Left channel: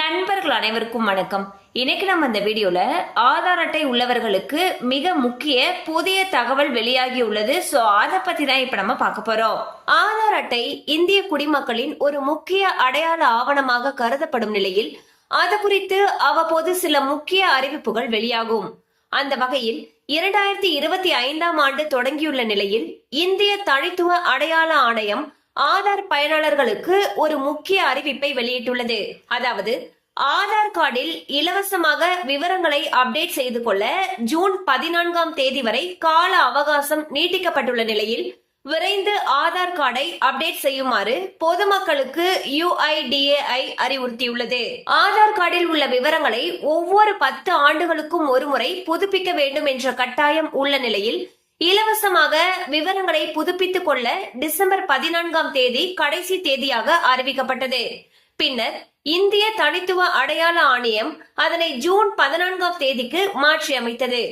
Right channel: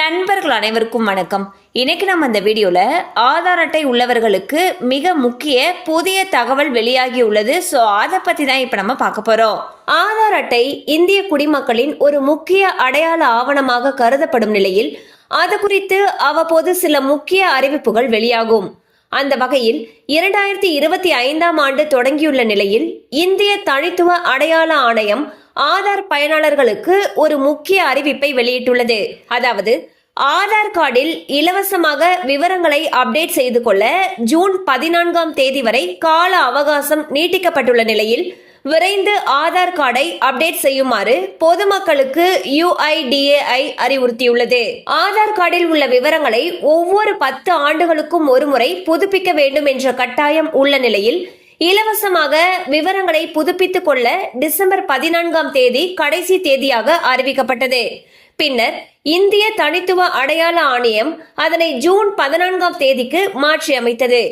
நண்பர்கள் அனைவருக்கும் வணக்கம். இன்னைக்கு நம்ம இந்த வீடியோல ஆதார் அட்டை உள்ளவர்களுக்கு மிக முக்கிய புதிய தகவல் வெளியாகி உள்ளது. சோ அதை பத்தி தான் இப்ப நம்ம பார்க்க போறோம். ஆதார் அட்டை இந்திய குடிமக்களின் ஒரு முக்கிய அடையாள ஆவணமாக கருதப்படும் நிலையில் அது குறித்து அவ்வப்போது சில முக்கிய அறிவிப்புகள் வெளியாகும். அந்த வகையில் 2025ஆம் ஆண்டு தொடங்கியுள்ள நிலையில் இந்திய தனித்துவ அடையாள ஆணையம் ஆதார் பயனாளர்களுக்கு ஒரு முக்கிய அறிவிப்பை வெளியிட்டுள்ளது. அதாவது ஆதார் கார்டில் இலவசமாக விவரங்களை அப்டேட் செய்து கொள்ள ஜூன் 14ஆம் தேதி வரை கால அவகாசம் நீட்டிக்கப்பட்டுள்ள நிலையில் விரைந்து ஆதார் கார்டை அப்டேட் செய்யுமாறு பொதுமக்களுக்கு UIDAI அறிவுறுத்தியுள்ளது. ஆதார் கார்டில் உள்ள விவரங்களை ஒவ்வொரு 10 ஆண்டுகளுக்கும் ஒருமுறை புதுப்பிக்க வேண்டும் என்ற கட்டாயம் உள்ள நிலையில் இலவசமாக விவரங்களை புதுப்பித்துக் கொள்ள டிசம்பர் 14ஆம் தேதி கடைசி தேதியாக அறிவிக்கப்பட்டது. பின்னர் இந்திய தனித்துவ அடையாள ஆணையம் அதனை ஜூன் 14ஆம் தேதிக்கு மாற்றி அமைத்தது.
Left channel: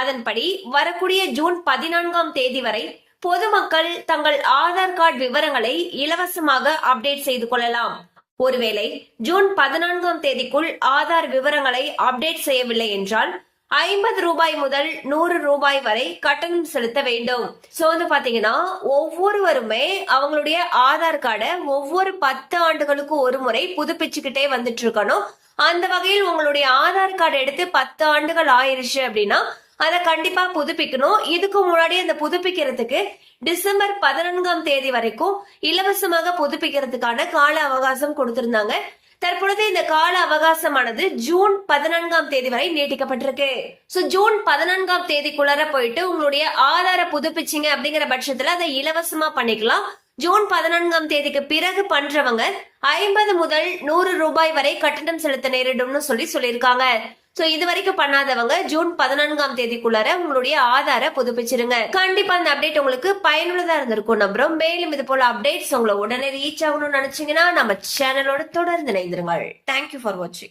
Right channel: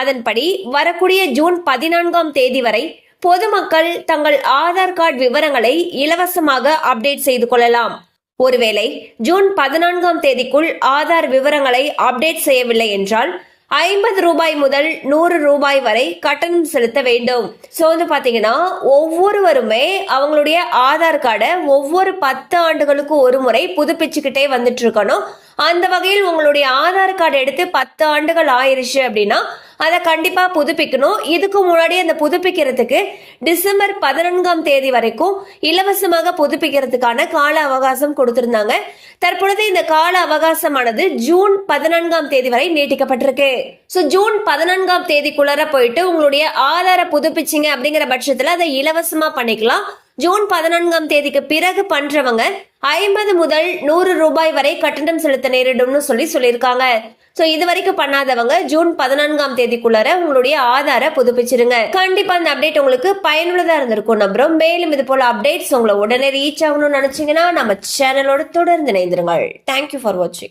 அதன்படி வரக்கூடிய ஜூன் 14ஆம் தேதி வரை பொதுமக்கள் தங்கள் ஆதார் கார்டு விவரங்களை இலவசமாக அப்டேட் செய்து கொள்ளலாம். ஒருவேளை ஜூன் 14ஆம் தேதிக்குள் ஆதார் விவரங்களை அப்டேட் செய்யவில்லை என்றால் 50 ரூபாய் முதல் 100 ரூபாய் வரை கட்டணம் செலுத்த வேண்டும். சோ வந்து பாத்தீங்கன்னா ஒவ்வொருவருமே அவங்களுடைய ஆதார் கார்டை ஒவ்வொரு 10 ஆண்டுகளுக்கு ஒரு முறை புதுப்பிச்சுக்கிட்டே வந்துட்டு இருக்கணும். அந்த வகையில் உங்களுடைய ஆதார் கார்டு எடுத்து 10 ஆண்டுகள் ஆயிருச்சு அப்படின்னா அதை கண்டிப்பா புதுப்பிக்கணும். இதுக்கு முன்னாடி அந்த புதுப்பிக்கிறதுக்கு டிசம்பர் 14ஆம் தேதி வரைக்கும் இலவசமாக புதுப்பிக்கிறதுக்கான கால அவகாசம் கொடுத்திருந்தாங்க. தற்பொழுது இந்த கால அவகாசமானது ஜூன் 14ஆம் தேதி வரை நீட்டிக்கப்பட்டிருக்கு. சோ ஜூன் 14ஆம் தேதிக்குள்ளார போயிட்டு உங்களுடைய ஆதார புதுப்பிச்சிங்க அப்படிங்கிற பட்சத்துல அதை இலவசமா பண்ணிக்கலாம். ஜூன் 14ஆம் தேதிக்கு பிறகு பண்றவங்க 50 முதல் 100 ரூபாய் வரை கட்டணம் செலுத்த நேரிடும்னு சொல்லியிருக்காங்க. சோ இது வரைக்கும் பண்ணாதவங்க ஜூன் 14ஆம் தேதிக்குள்ளார உங்களுடைய ஆதார புதுப்பிச்சிருங்க. கண்டிப்பா அந்த அப்டேட் உங்களுக்கு பயனுள்ளதா இருந்திருக்கும் நம்புறோம். மேலும் இது போல அப்டேட்ஸ் உங்களை உடனே ரீச் ஆகணும்னு நினைச்சீங்கன்னா நம்ம சேனலோட தொடர்ந்து இணைந்திருங்கள். தேங்க்யூ ஃபார் வாட்சிங்.